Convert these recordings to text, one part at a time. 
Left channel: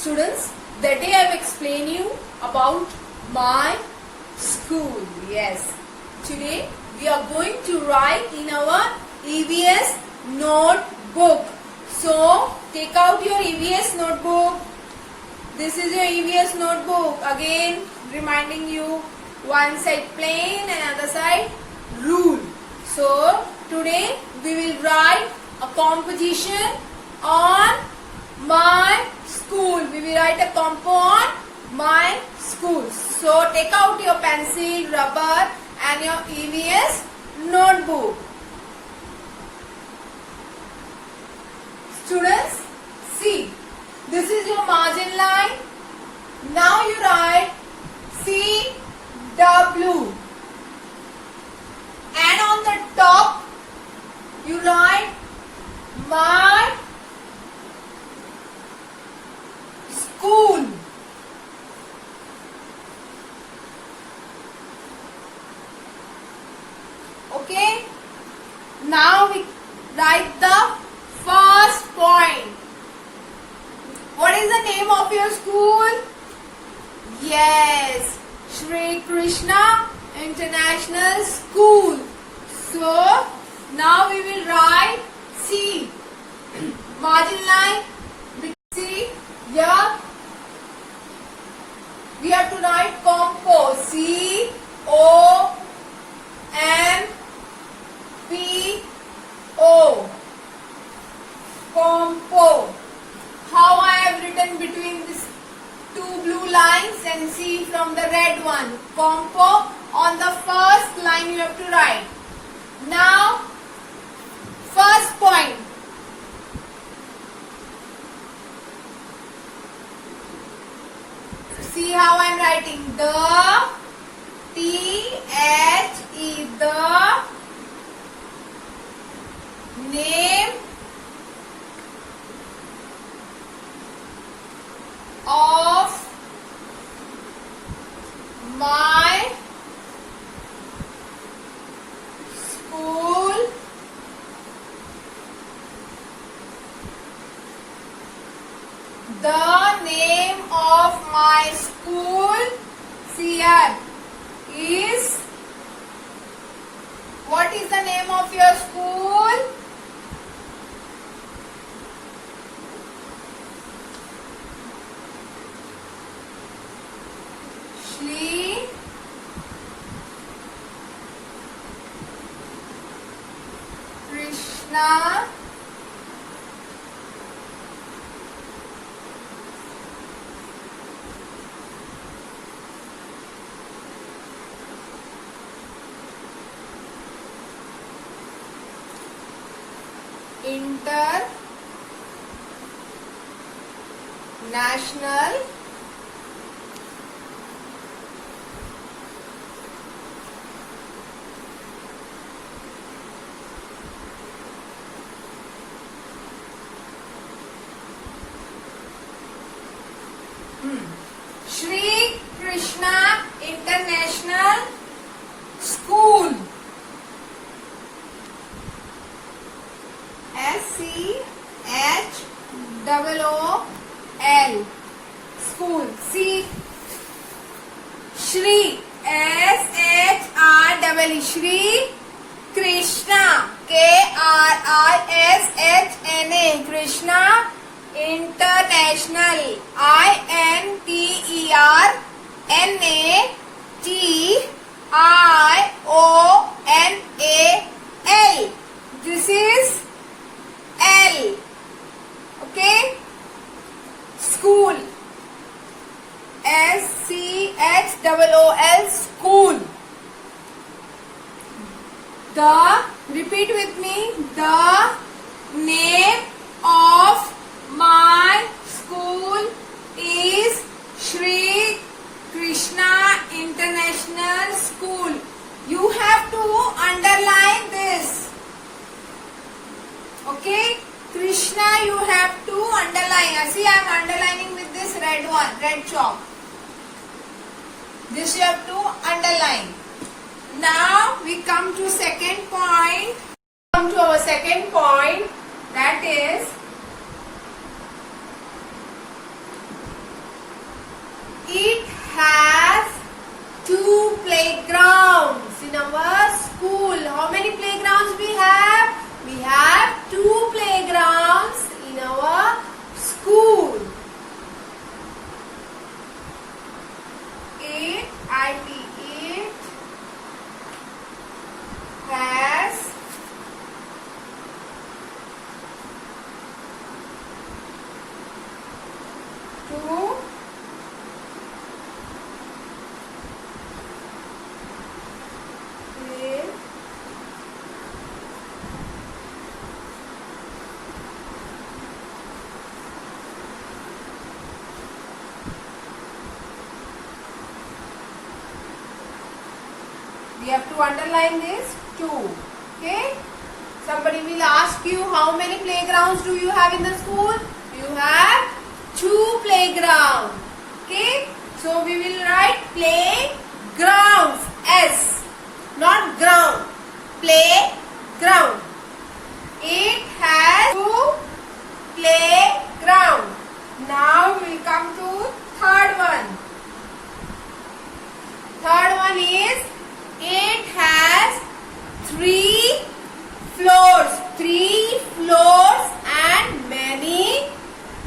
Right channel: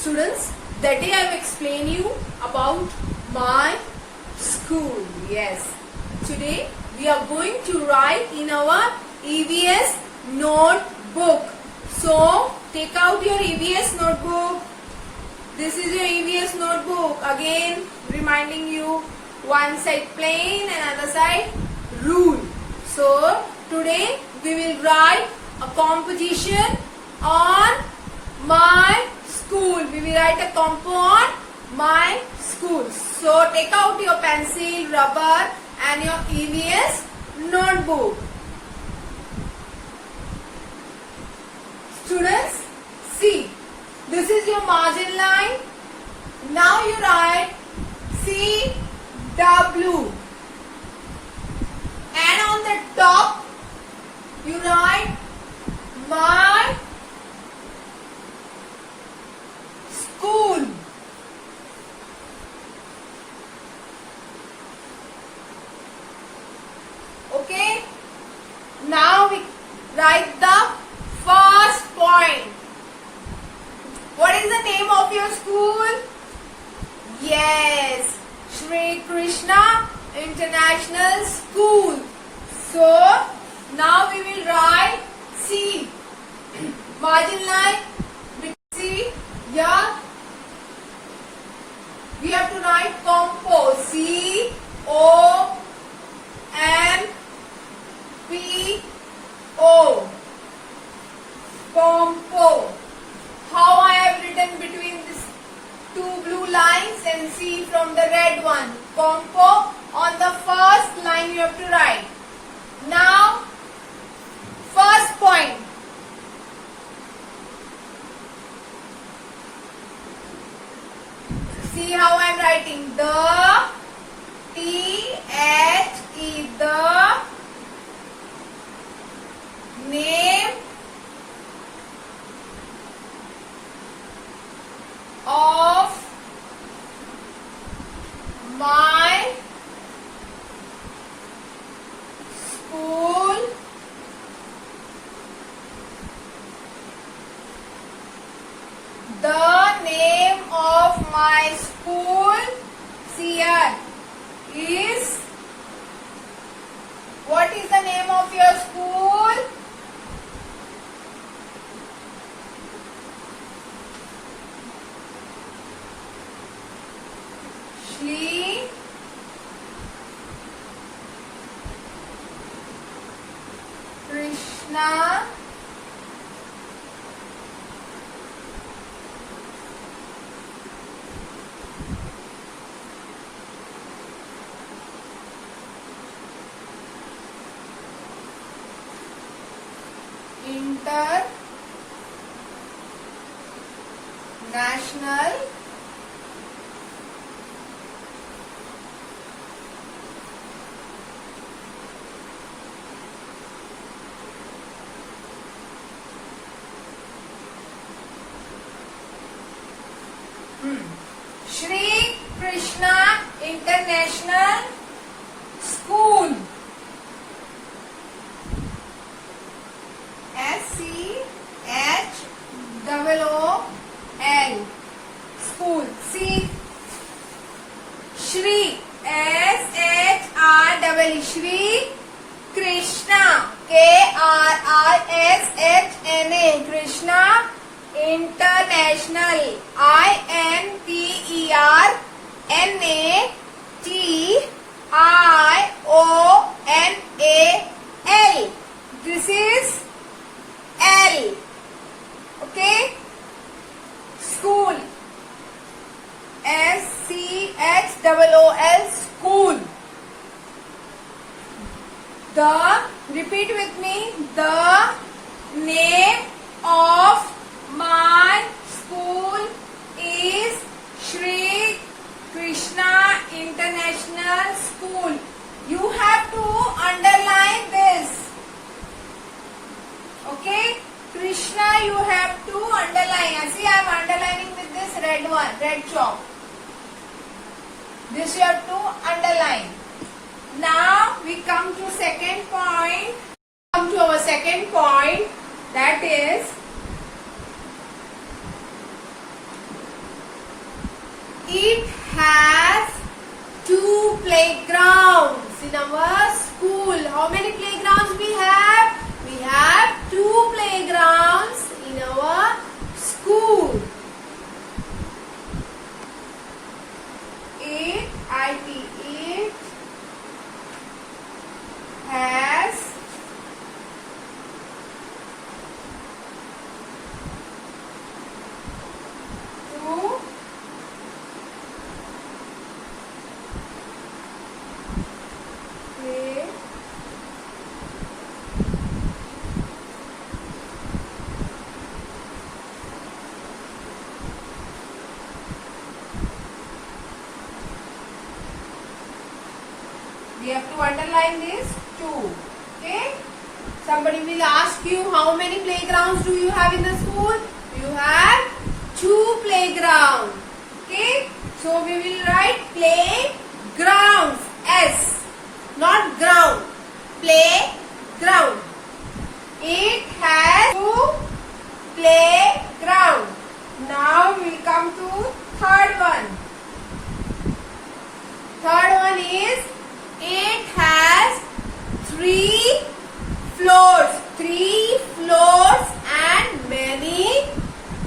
Students, that day I have explained you about my school. Yes. Today we are going to write in our EVS notebook. So take out your EVS notebook. This is your EVS notebook. Again reminding you, one side plain and other side rule. So today we will write a composition on my school. We will write a compo on my school. So take out your pencil, rubber and your EVS notebook. Students, see, this is your margin line. Now you write CW. And on the top, you write my school. Okay. Now we write the first point. What is the name of your school? Yes, Shri Krishna International School. So now we will write C. Margin line with C. Yeah. We have to write compo. C O M P O. Compo. How I have written between these two blue lines and see from the red one. Compo. On the first line you have to write. Now, first point. See how I am writing. The T-H-E. The name of my school the name of my school here is, what is the name of your school? Shri Krishna International Shri Krishna International School. S-C-H-O-O-L. School. See, Shri, S-H-R-E, Shri Krishna, K-R-I-S-H-N-A, Krishna International, I-N-T-E-R-N-A-T-I-O-N-A-L. This is L. Okay. School. S-C-H-O-O-L. School. Repeat with me. The name of my school is Shri Krishna International School. You have to underline this. Okay? Krishna you have to underline. See, I am underlining with this red one, red chalk. This you have to underline. Now we come to second point. Come to our second point, that is It has 2 playgrounds in our school. How many playgrounds we have? We have 2 playgrounds in our school. It has 2 we have to underline this 2. Okay. Somebody will ask you, how many playgrounds do you have in the school? You have 2 playgrounds. Okay. So we will write playgrounds. S. Not ground. Playground. It has 2 playground. Now we will come to third one. Third one is, it has 3 floors. 3 floors and many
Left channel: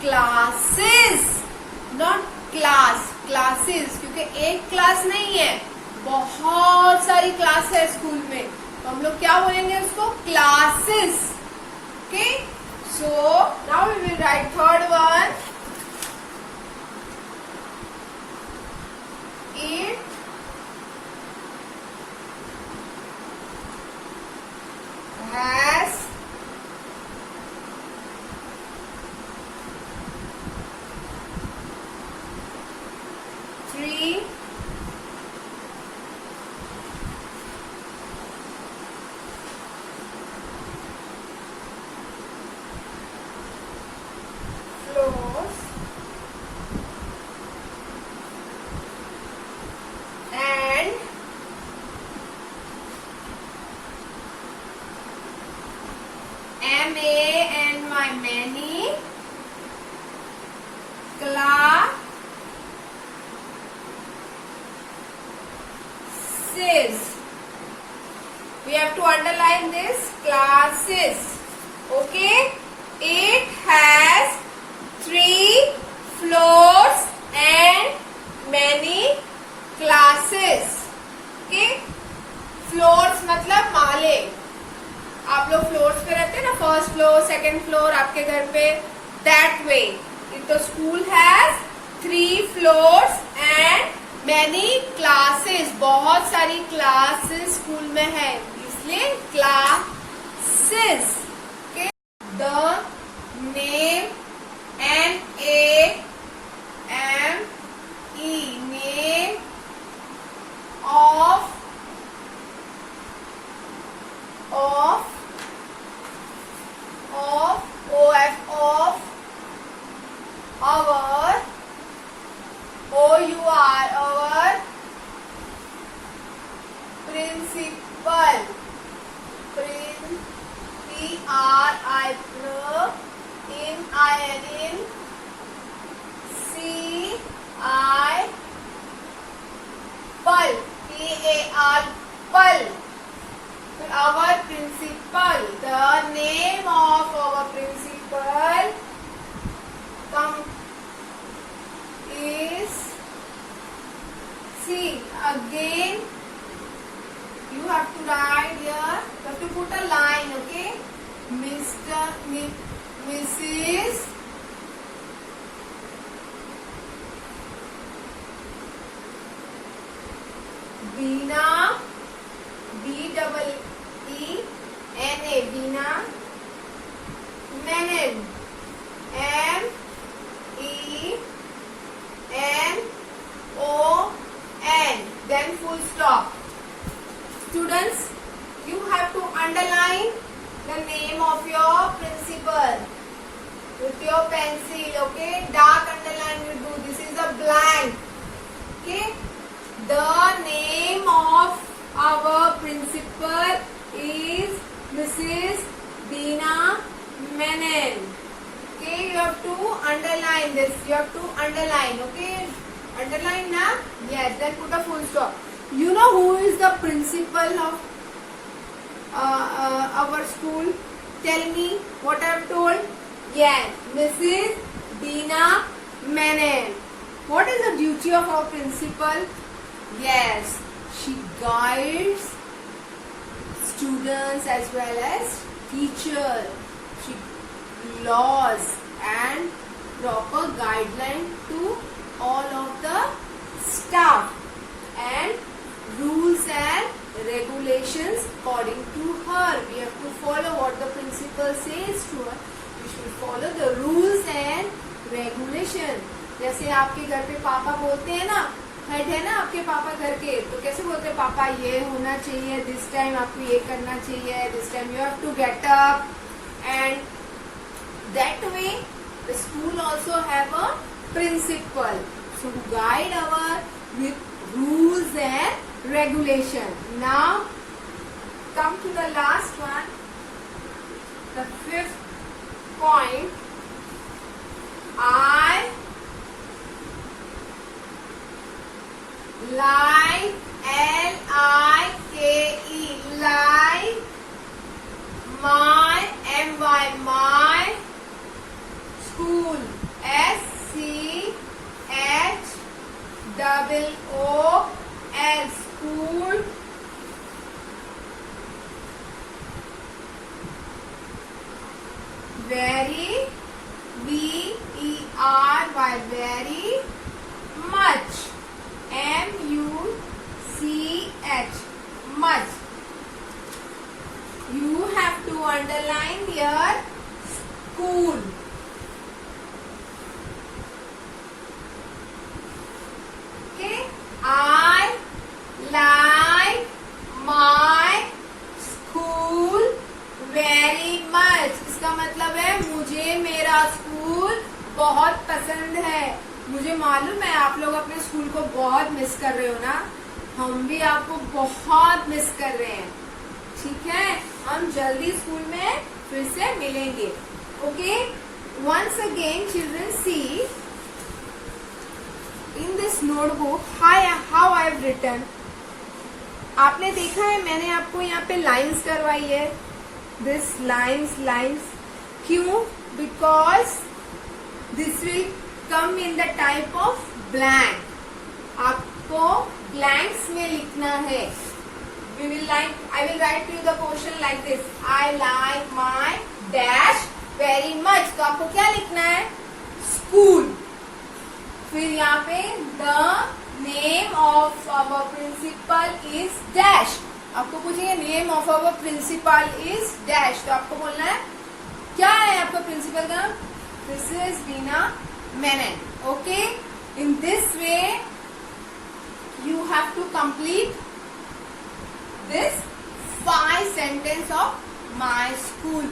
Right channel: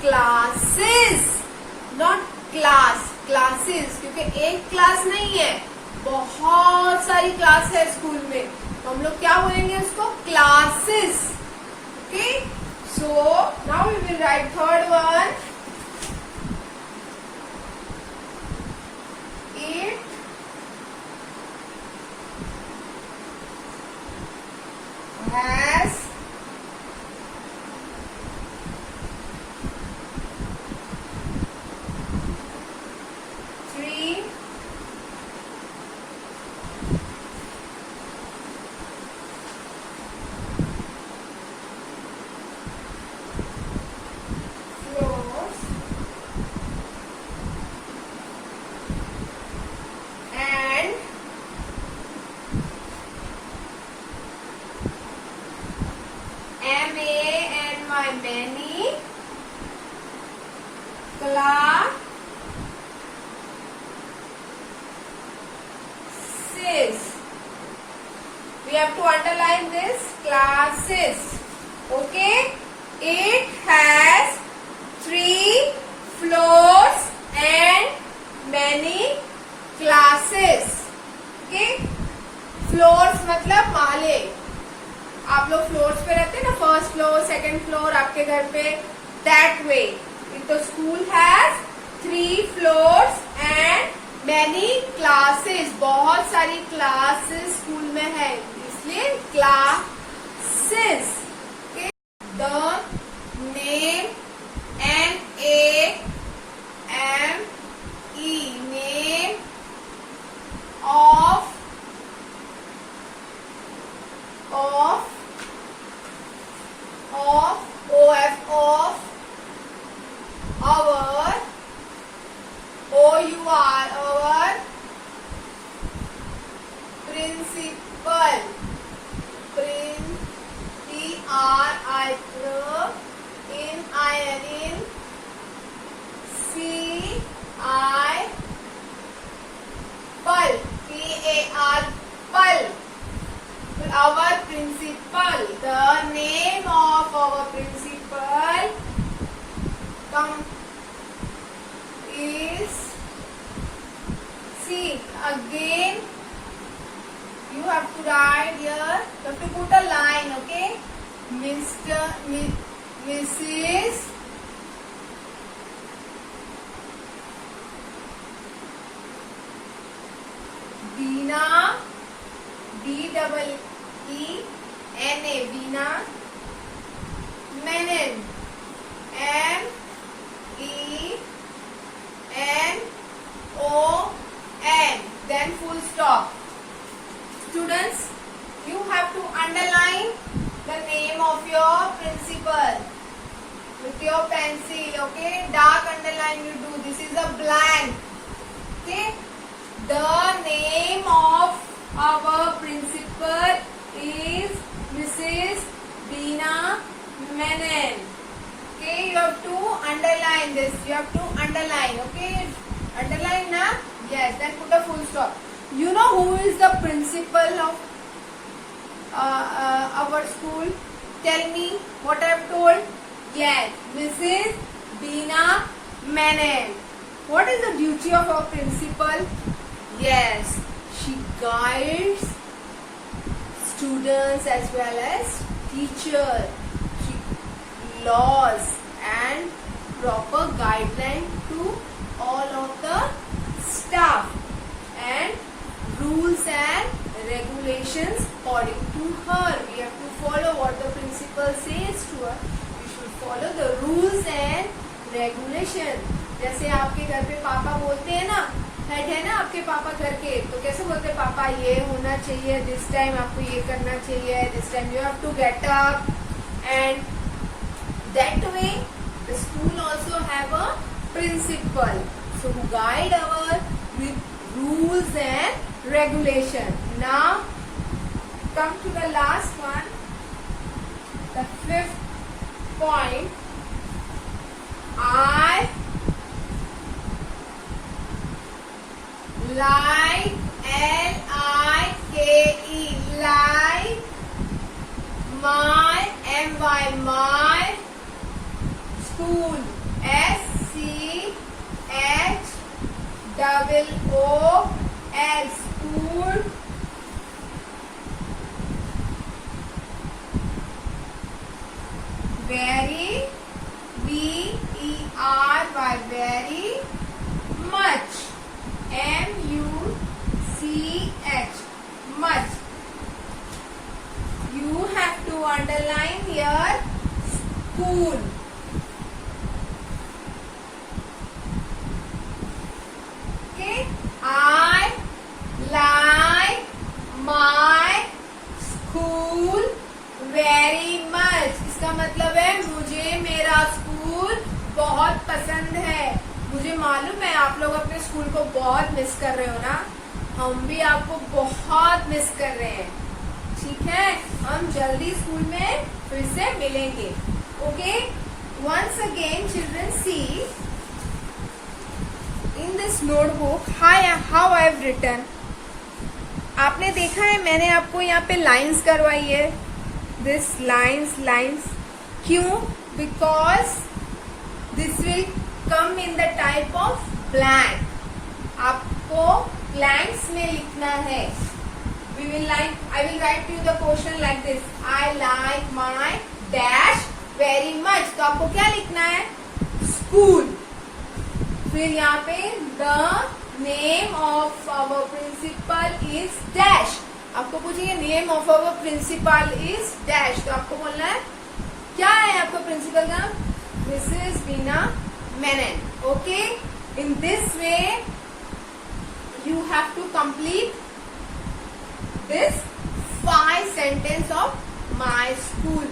classes. Not class. Classes. क्योंकि एक class नहीं है, बहुत सारी class है school में, तो हम लोग क्या बोलेंगे उसको? Classes. Okay. So now we will write third one. It has 3 floors and many classes. We have to underline this classes. Okay. It has 3 floors and many classes. Okay. Floors मतलब माले. आप लोग फ्लोर्स पे रहते हैं ना, first floor, second floor आपके घर पे, दैट वे. तो school has 3 floors and many classes. बहुत सारी क्लासेस स्कूल में है, इसलिए classes. The name NAME name of our principal. Our principal. The name of our principal is, see again, you have to write here, you have to put a line. Okay. Mrs. Beena, BEENA, Beena Menon, MENON, then full stop. Students, you have to underline the name of your principal with your pencil. Okay, dark underline you do. This is a blank. Okay, the name of our principal is Mrs. Beena Menon. Okay, you have to underline this. You have to underline. Okay, Underline na? Yes, then put a full stop. You know who is the principal of our school? Tell me what I have told. Yes, Mrs. Dina Menon. What is the duty of our principal? Yes, she guides students as well as teachers. She laws and proper guideline to all of the staff and rules and regulations according to her. We have to follow what the principal says to us. We should follow the rules and regulation. जैसे आपके घर पे पापा बोलते हैं ना, head है ना आपके पापा घर के, तो कैसे बोलते हैं पापा ये होना चाहिए, दिस टाइम आपको ये करना चाहिए, this time you have to get up, and that way the school also have a principal, so who guide our with rules and regulation. Now come to the last one, the 5th point. I like, L-I-K-E, like my, M-Y, my school, S-C-H-O-O-L, school. Very, V-E-R-Y, very much, M-U-C-H, much. You have to underline here school. I like my school very much. इसका मतलब है मुझे मेरा school बहुत पसंद है. मुझे मालूम है आप लोग अपने स्कूल को बहुत मिस कर रहे हो ना, हम भी आपको बहुत मिस कर रहे हैं. ठीक है, हम जल्दी स्कूल में फिर से मिलेंगे. Okay, once again children see in this notebook how I have written. आपने देखा है मैंने आपको यहाँ पे लाइंस करवाई है. this lines क्यों? because this will come in the type of blank. आपको blanks में लिखना है. I will write you the question like this. I like my dash very much. तो आपको क्या लिखना है? school. फिर यहाँ पे the name of our principal is dash. आपको पूछेंगे name of our principal is dash, तो आपको बोलना है क्या है आपका प्रिंसिपल का? This is Deena Menon. Okay, in this way you have to complete this 5 sentence of my school.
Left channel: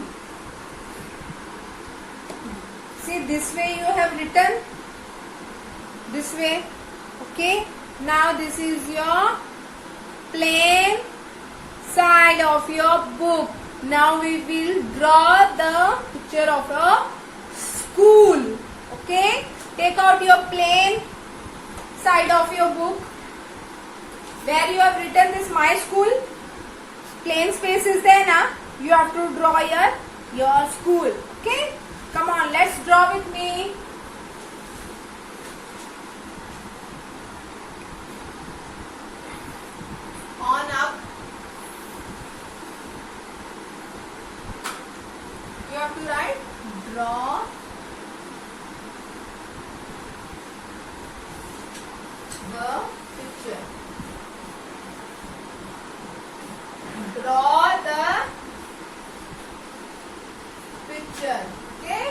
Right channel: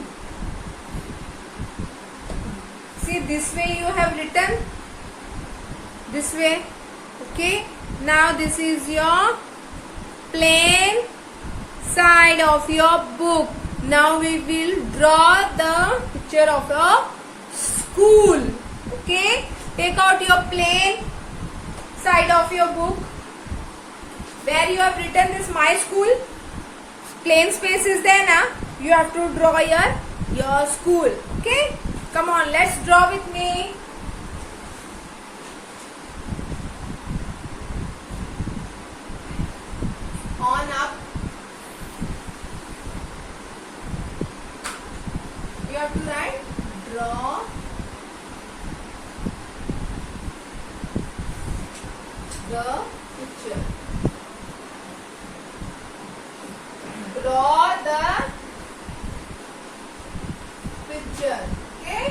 See this way you have written this way. Okay, now this is your plain side of your book. Now we will draw the picture of your school. Okay, take out your plain side of your book where you have written this my school. Plain space is there now. You have to draw your school. Okay, come on, let's draw with me. On up. You have to write draw the picture. Draw the picture. Okay.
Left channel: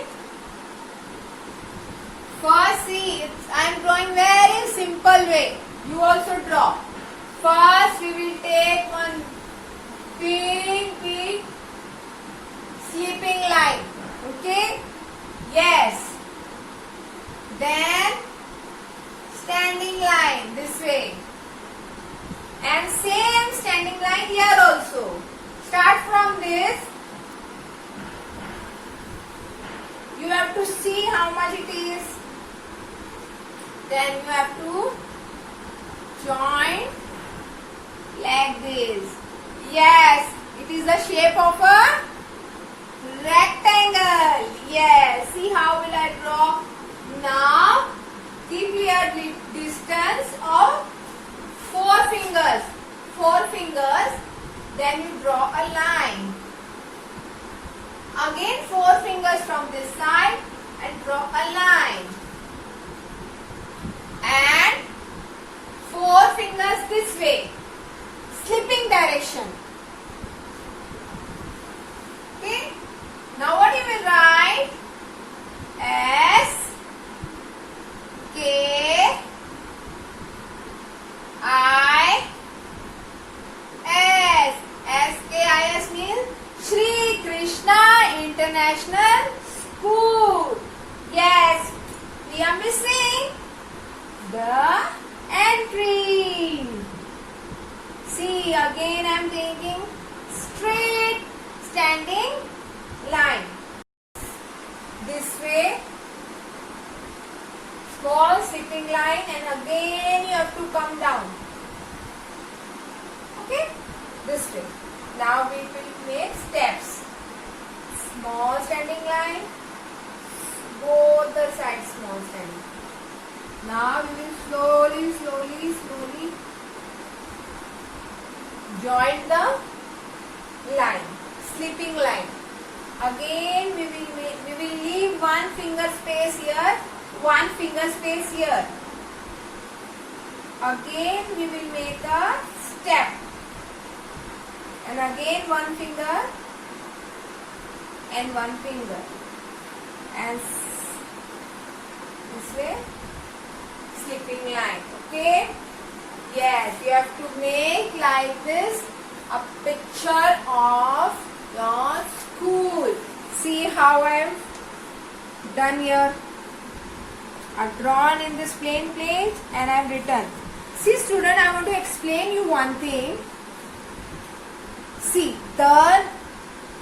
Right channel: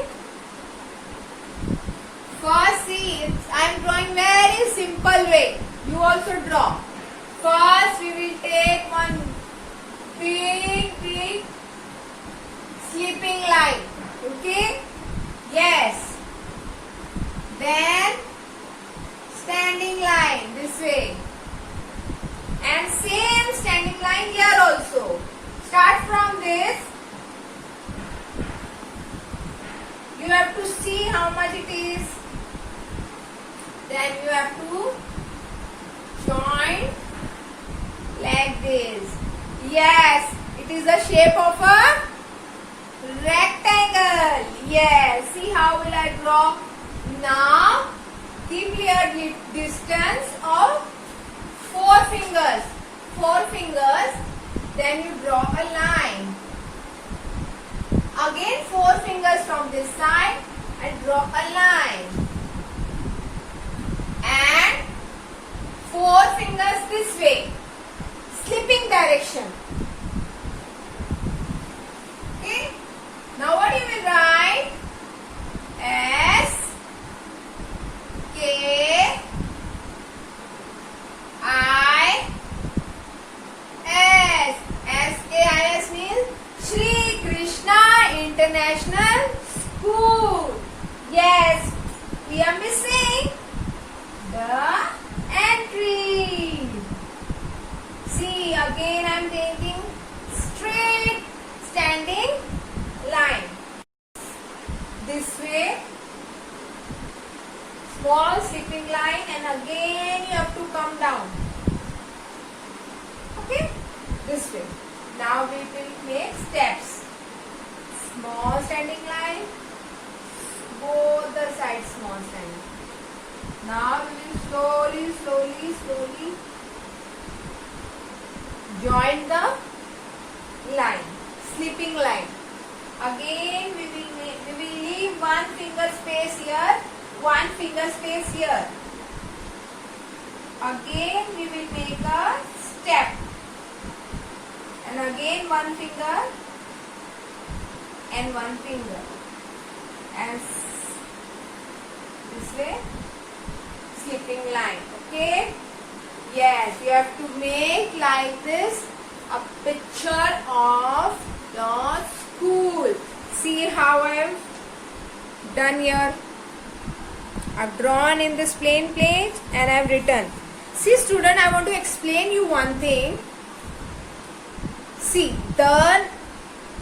First, see, I am drawing very simple way. You also draw. First, we will take one big sleeping line. Okay? Yes. Then, standing line this way. And same standing line here also. Start from this. You have to see how much it is. Then you have to join like this. Yes, it is the shape of a rectangle. Yes, see how will I draw? Now, give me a distance of 4 fingers. 4 fingers. Then you draw a line. Again 4 fingers from this side and draw a line. And 4 fingers this way. Slipping direction. Okay. Now what you will write? S K I S. SKIS means Shri Krishna International School. Yes, we are missing the entry. See, again I am taking straight standing line. This way, small slipping line, and again you have to come down. Okay, this way. Now we will make steps. Small standing line, both the sides small standing. Now we will slowly join the line, slipping line. Again we will leave 1 finger space here, 1 finger space here. Again we will make a step. And again 1 finger and 1 finger. And this way, slipping line. Okay? Yes, you have to make like this a picture of your school. See how I have done here. I have drawn in this plain page and I have written. See student, I want to explain you one thing. See, the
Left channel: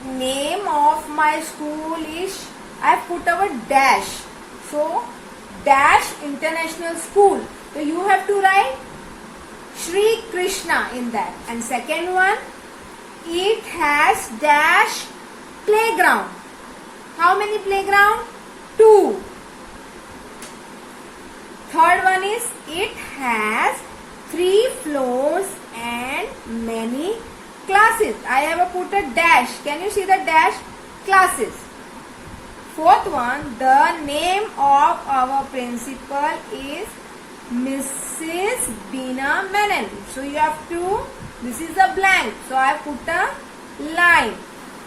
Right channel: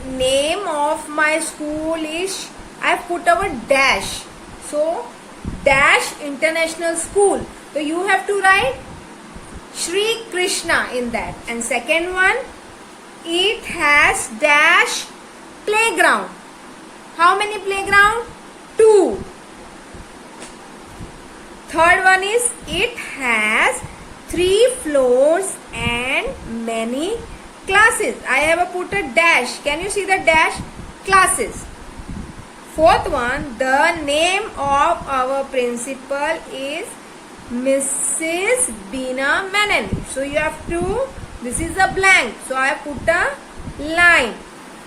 name of my school is, I have put a dash. So, dash International School. So, you have to write Shri Krishna in that. And second one, it has dash playground. How many playground? 2. Third one is, it has 3 floors and many classes. I have put a dash. Can you see the dash? Classes. Fourth one, the name of our principal is Mrs. Bina Menon. So you have to, this is a blank. So I have put a line.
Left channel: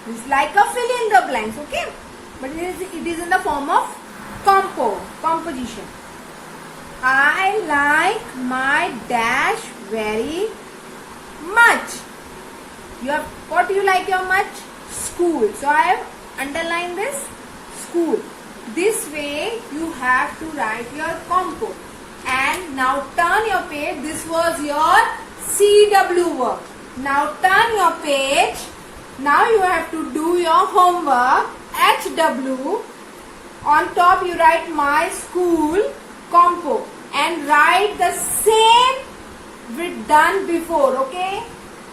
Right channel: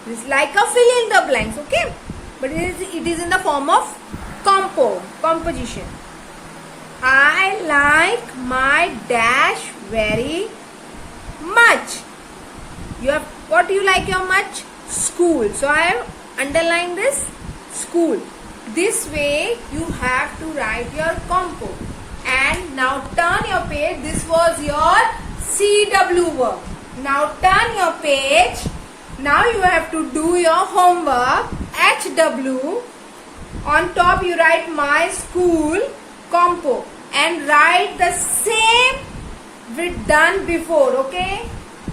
This is like a fill in the blanks, okay? But it is in the form of composition. I like my dash very much. You have, what do you like your much? School. So I have underlined this school. This way you have to write your compo. And now turn your page. This was your CW work. Now turn your page. Now you have to do your homework. HW. On top you write my school compo. And write the same with done before. Okay?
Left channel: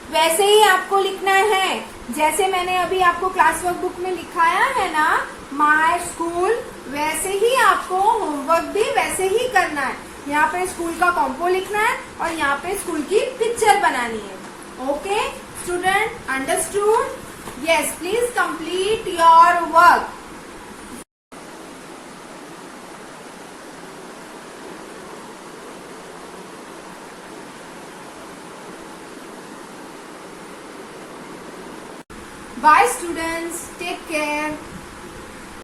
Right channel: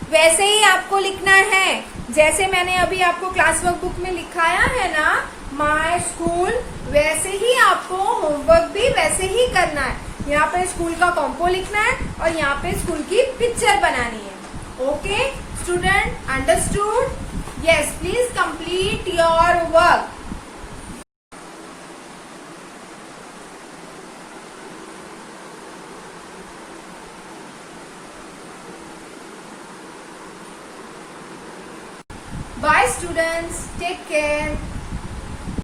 वैसे ही आपको लिखना है जैसे मैंने अभी आपको class work book में लिखाया है ना, माय स्कूल, वैसे ही आपको होमवर्क भी वैसे ही करना है. यहाँ पे स्कूल का कॉम्पो लिखना है और यहाँ पे स्कूल की पिक्चर बनानी है. Okay student, understood? Yes, please complete your work. Bye students, take care.